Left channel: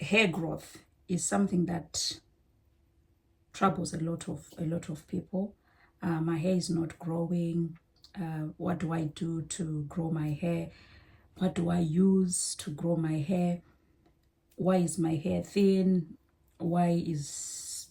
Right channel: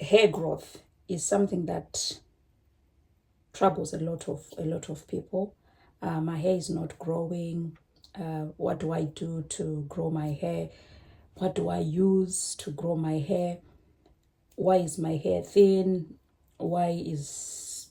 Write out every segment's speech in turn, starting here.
hair growth is something that troubles a lot of people. My hair is not growing. What do I do to grow my hair? What do I use to grow my hair? Why is my hair thin? Why is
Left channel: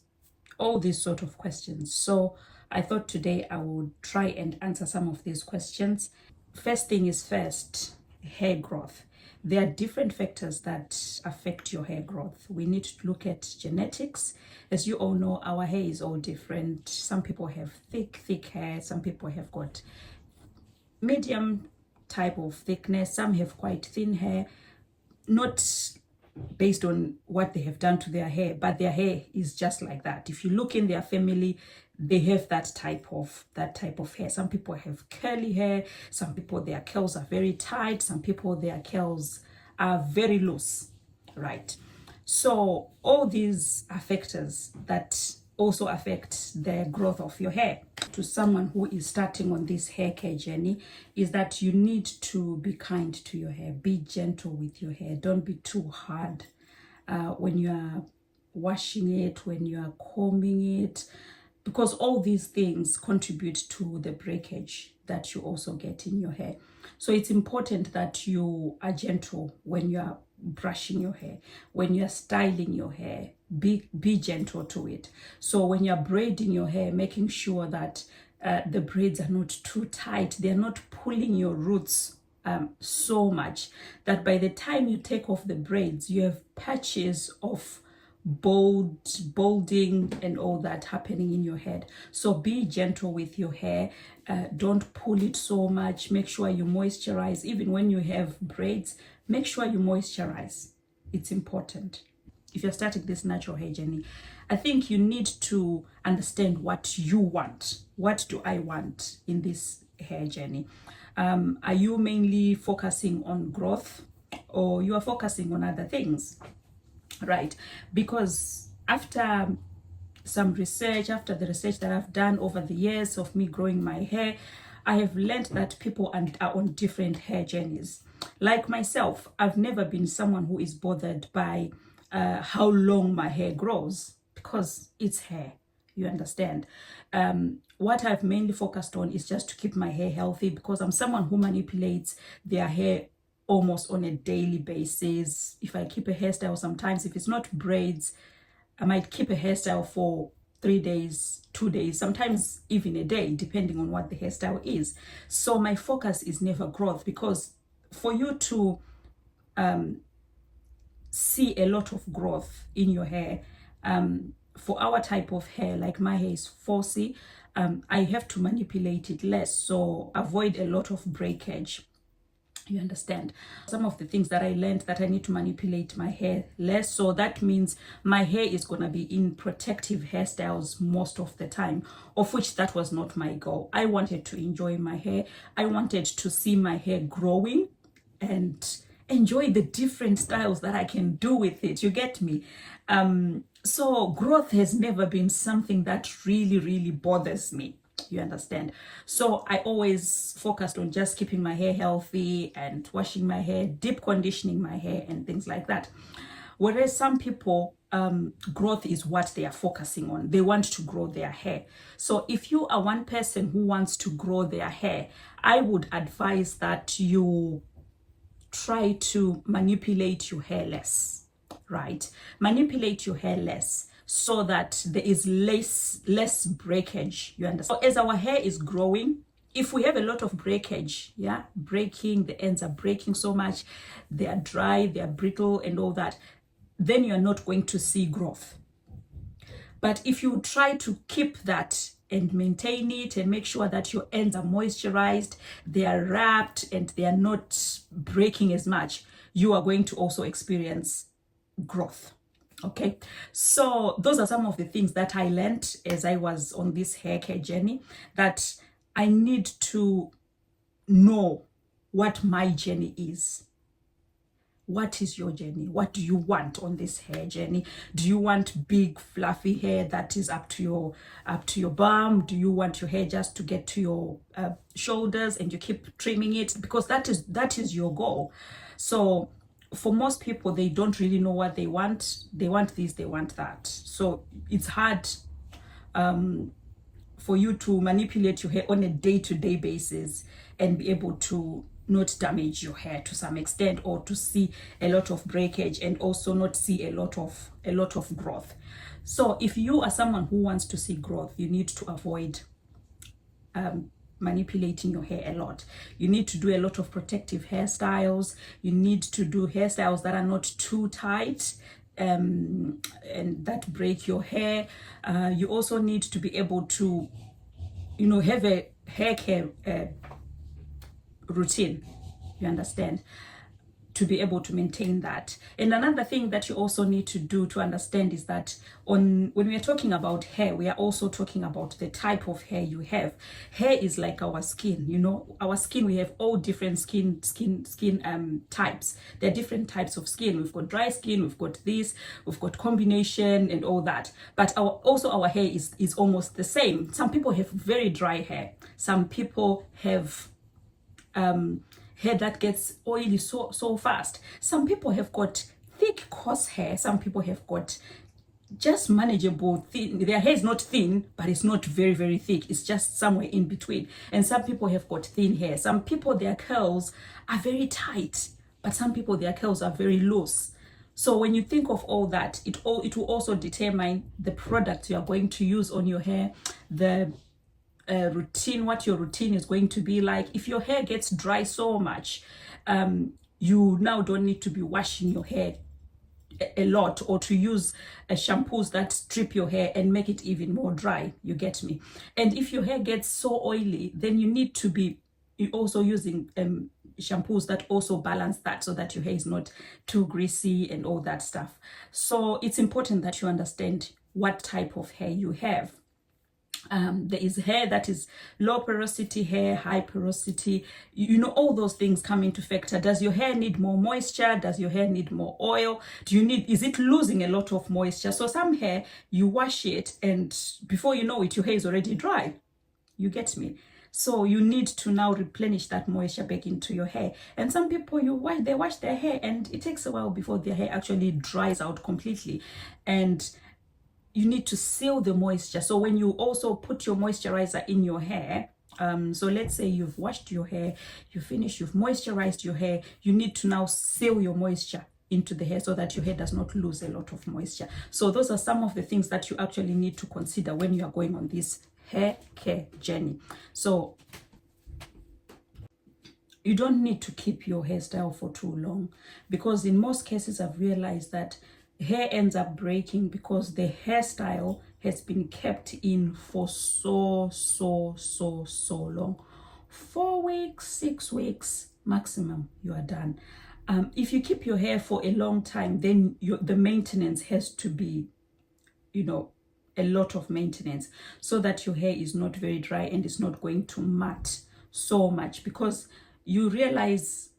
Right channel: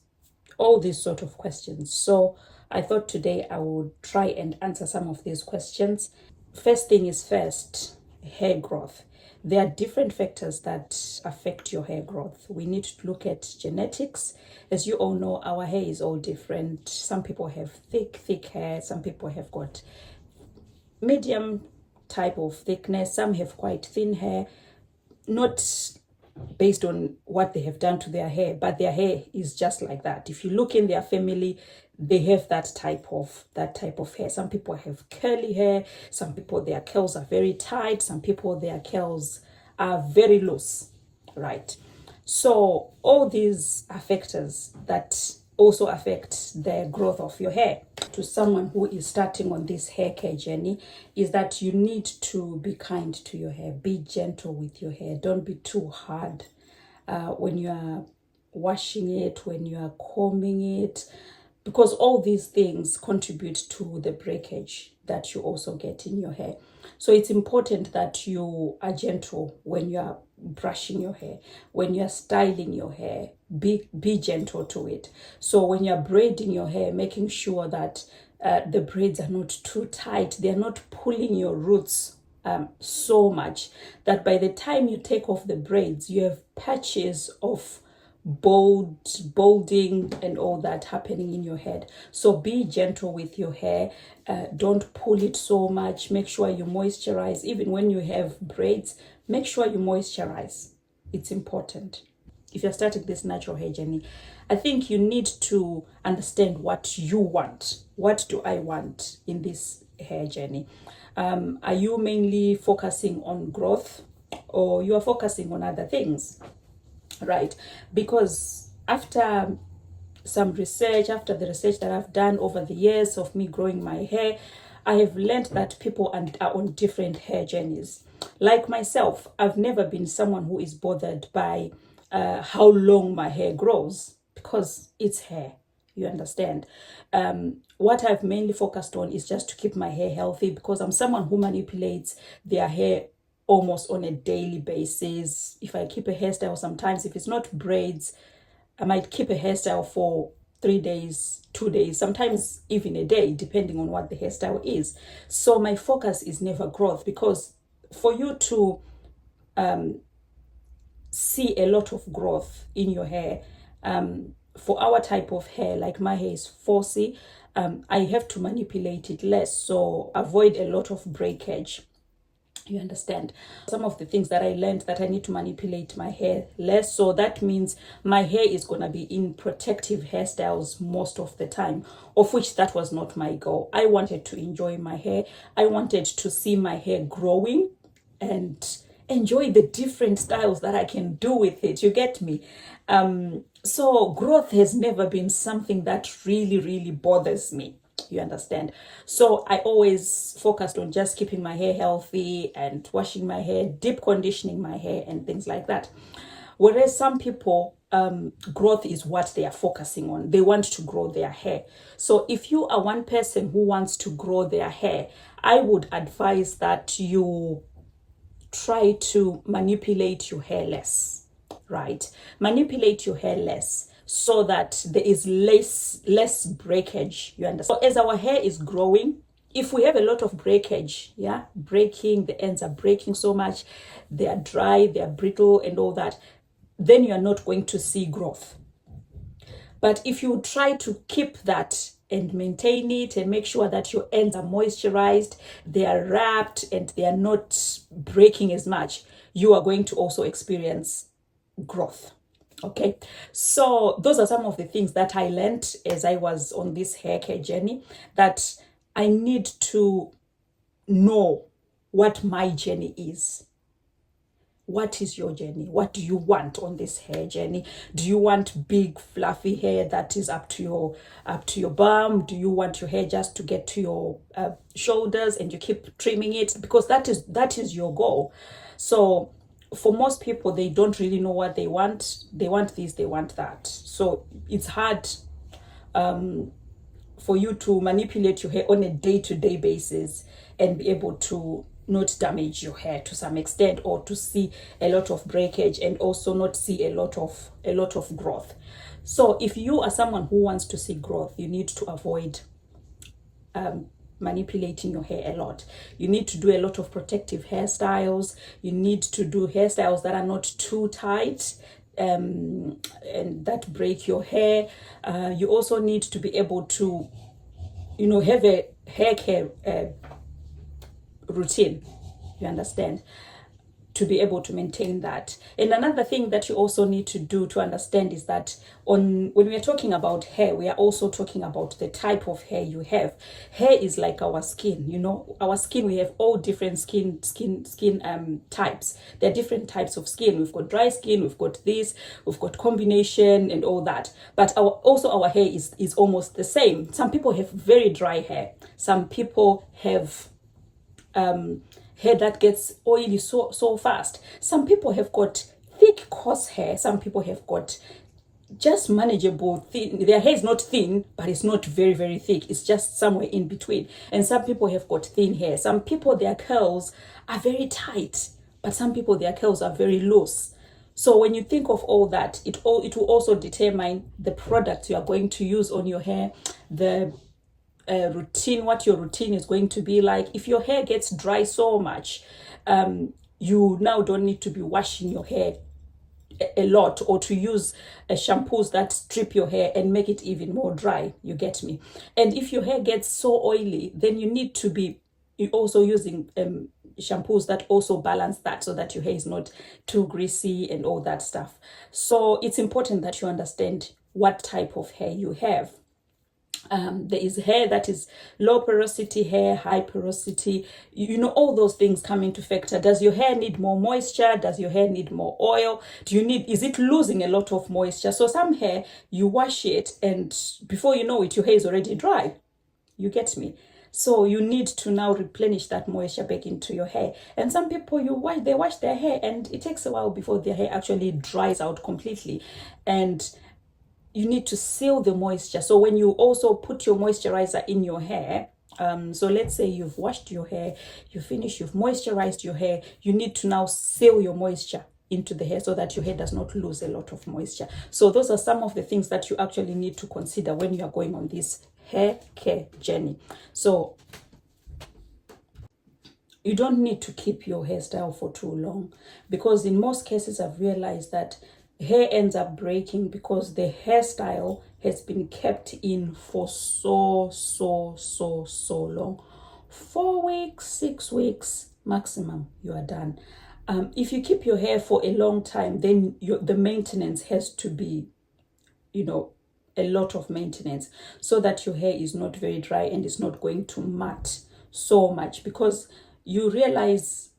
all these sort of questions? So I thought today I would try and answer some of these questions. First thing is first, hair growth. There are different factors that affect your hair growth. We need to look at genetics. As you all know, our hair is all different. Some people have thick hair. Some people have got medium type of thickness. Some have quite thin hair. Not based on what they have done to their hair, but their hair is just like that. If you look in their family, they have that type of hair. Some people have curly hair. Some people, their curls are very tight. Some people, their curls are very loose, right? So all these are factors that also affect the growth of your hair. To someone who is starting on this hair care journey, is that you need to be kind to your hair. Be gentle with your hair. Don't be too hard when you are washing it, when you are combing it, because all these things contribute to the breakage that you also get in your hair. So it's important that you are gentle when you are brushing your hair, when you're styling your hair. Be gentle to it. So when you're braiding your hair, making sure that the braids are not too tight, they're not pulling your roots so much that by the time you take off the braids, you have patches of balding and all that happening in your head. So be gentle with your hair. Don't pull it so much. Make sure you moisturize. Even when you have braids, make sure you moisturize. It's important. If you're starting this natural hair journey, I think you need to understand what you want. What do I want in this hair journey? Are you mainly focusing on growth, or you are focusing on other things? Right? Because after some research, after the research that I've done over the years of me growing my hair, I have learned that people are on different hair journeys. Like myself, I've never been someone who is bothered by how long my hair grows, because it's hair, you understand. What I've mainly focused on is just to keep my hair healthy, because I'm someone who manipulates their hair almost on a daily basis. If I keep a hairstyle, sometimes if it's not braids, I might keep a hairstyle for 3 days, 2 days, sometimes even a day, depending on what the hairstyle is. So my focus is never growth, because for you to see a lot of growth in your hair, for our type of hair, like my hair is 4C, I have to manipulate it less, so avoid a lot of breakage. You understand? Some of the things that I learned, that I need to manipulate my hair less. So that means my hair is going to be in protective hairstyles most of the time, of which that was not my goal. I wanted to enjoy my hair. I wanted to see my hair growing and enjoy the different styles that I can do with it. You get me? So growth has never been something that really bothers me. You understand? So I always focused on just keeping my hair healthy and washing my hair, deep conditioning my hair and things like that. Whereas some people, growth is what they are focusing on. They want to grow their hair. So if you are one person who wants to grow their hair, I would advise that you try to manipulate your hair less, right? Manipulate your hair less, so that there is less breakage. You understand? So as our hair is growing, if we have a lot of breakage, breaking, the ends are breaking so much, they are dry, they are brittle and all that, then you are not going to see growth. But if you try to keep that and maintain it and make sure that your ends are moisturized, they are wrapped and they are not breaking as much, you are going to also experience growth. Okay, so those are some of the things that I learned as I was on this hair care journey, that I need to know what my journey is. What is your journey? What do you want on this hair journey? Do you want big fluffy hair that is up to your bum? Do you want your hair just to get to your shoulders and you keep trimming it? Because that is your goal. So for most people, they don't really know what they want. They want this, they want that. So it's hard for you to manipulate your hair on a day-to-day basis and be able to not damage your hair to some extent, or to see a lot of breakage and also not see a lot of growth. So if you are someone who wants to see growth, you need to avoid manipulating your hair a lot. You need to do a lot of protective hairstyles. You need to do hairstyles that are not too tight and that break your hair. You also need to be able to, have a hair care routine, you understand, to be able to maintain that. And another thing that you also need to do to understand is that when we are talking about hair, we are also talking about the type of hair you have. Hair is like our skin. Our skin, we have all different skin types. There are different types of skin. We've got dry skin, we've got this, we've got combination and all that. But our hair is almost the same. Some people have very dry hair. Some people have hair that gets oily so fast. Some people have got thick, coarse hair. Some people have got just manageable thin. Their hair is not thin, but it's not very, very thick. It's just somewhere in between. And some people have got thin hair. Some people, their curls are very tight, but some people, their curls are very loose. So when you think of all that, it will also determine the product you are going to use on your hair, the routine, what your routine is going to be like. If your hair gets dry so much, you now don't need to be washing your hair a lot, or to use shampoos that strip your hair and make it even more dry. You get me? And if your hair gets so oily, then you need to be also using shampoos that also balance that, so that your hair is not too greasy and all that stuff. So it's important that you understand what type of hair you have. There is hair that is low porosity hair, high porosity, all those things come into factor. Does your hair need more moisture? Does your hair need more oil? Is it losing a lot of moisture? So some hair, you wash it and before you know it, your hair is already dry. You get me? So you need to now replenish that moisture back into your hair. And some people, they wash their hair and it takes a while before their hair actually dries out completely. And you need to seal the moisture. So when you also put your moisturizer in your hair, so let's say you've washed your hair, you've moisturized your hair, you need to now seal your moisture into the hair so that your hair does not lose a lot of moisture. So those are some of the things that you actually need to consider when you are going on this hair care journey. So you don't need to keep your hairstyle for too long, because in most cases I've realized that hair ends up breaking because the hairstyle has been kept in for so long. 4 weeks, 6 weeks maximum, you are done. If you keep your hair for a long time, then the maintenance has to be, a lot of maintenance, so that your hair is not very dry and is not going to mat so much, because you realize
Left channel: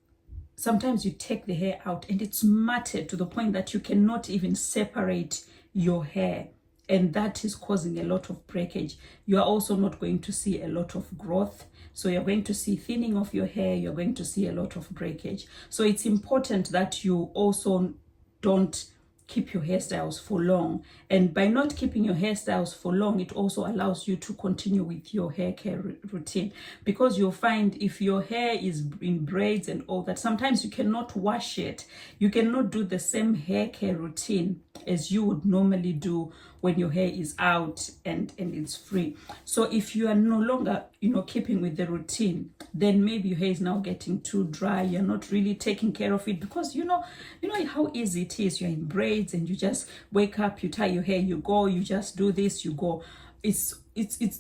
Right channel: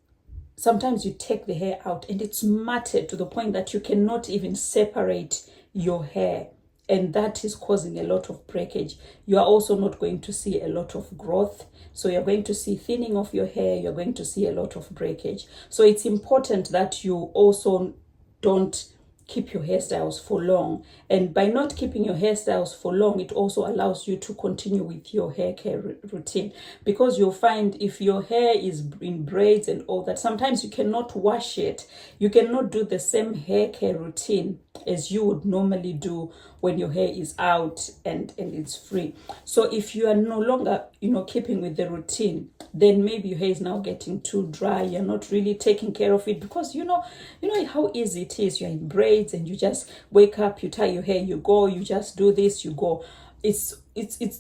sometimes you take the hair out and it's matted to the point that you cannot even separate your hair. And that is causing a lot of breakage. You are also not going to see a lot of growth. So you're going to see thinning of your hair. You're going to see a lot of breakage. So it's important that you also don't keep your hairstyles for long. And by not keeping your hairstyles for long, it also allows you to continue with your hair care routine, because you'll find if your hair is in braids and all that, sometimes you cannot wash it. You cannot do the same hair care routine as you would normally do when your hair is out and it's free. So if you are no longer, keeping with the routine, then maybe your hair is now getting too dry. You're not really taking care of it, because you know how easy it is. You're in braids and you just wake up, you tie your hair, you go, you just do this, you go. It's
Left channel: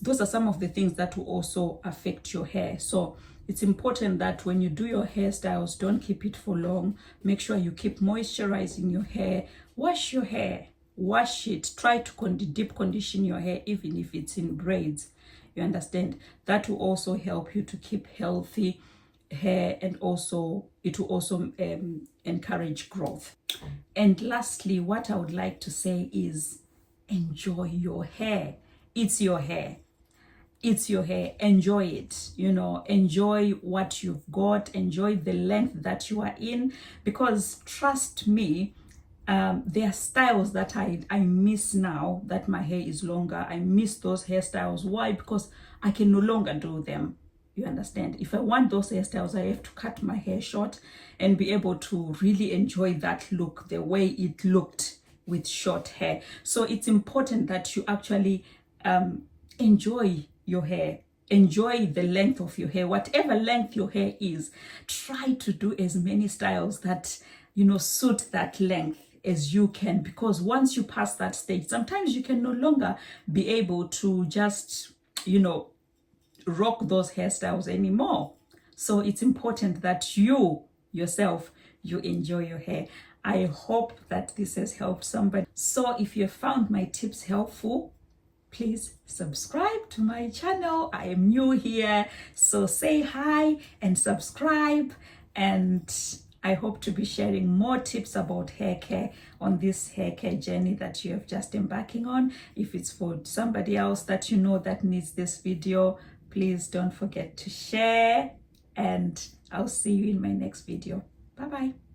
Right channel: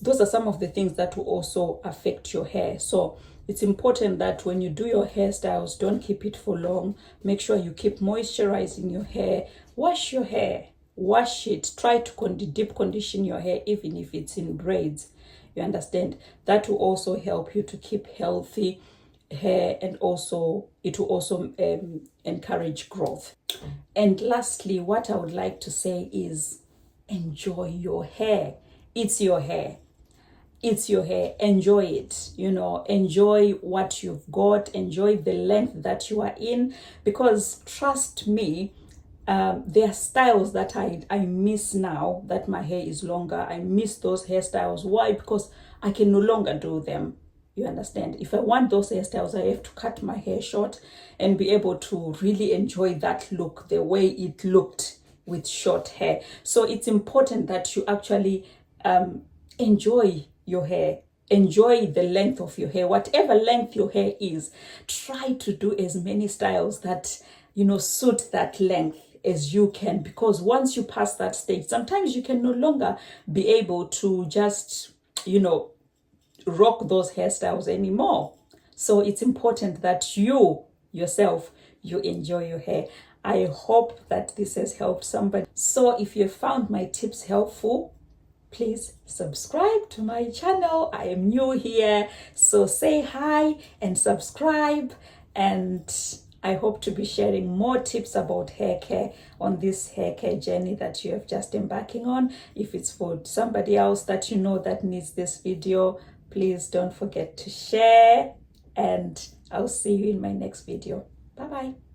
those are some of the things that will also affect your hair. So it's important that when you do your hairstyles, don't keep it for long. Make sure you keep moisturizing your hair. Wash your hair. Wash it. Try to deep condition your hair, even if it's in braids. You understand? That will also help you to keep healthy hair, and also it will also encourage growth. And lastly, what I would like to say is enjoy your hair. It's your hair. it's your hair. Enjoy it, you know, enjoy what you've got, enjoy the length that you are in, because trust me, there are styles that I miss now that my hair is longer. I miss those hairstyles. Why? Because I can no longer do them. You understand? If I want those hairstyles, I have to cut my hair short and be able to really enjoy that look the way it looked with short hair. So it's important that you actually enjoy your hair. Enjoy the length of your hair. Whatever length your hair is, try to do as many styles that, you know, suit that length as you can, because once you pass that stage, sometimes you can no longer be able to just, you know, rock those hairstyles anymore. So it's important that you yourself, you enjoy your hair. I hope that this has helped somebody. So if you found my tips helpful, please subscribe to my channel. I am new here, so say hi and subscribe, and I hope to be sharing more tips about hair care on this hair care journey that you have just embarking on. If it's for somebody else that you know that needs this video, please don't forget to share, and I'll see you in my next video. Bye bye.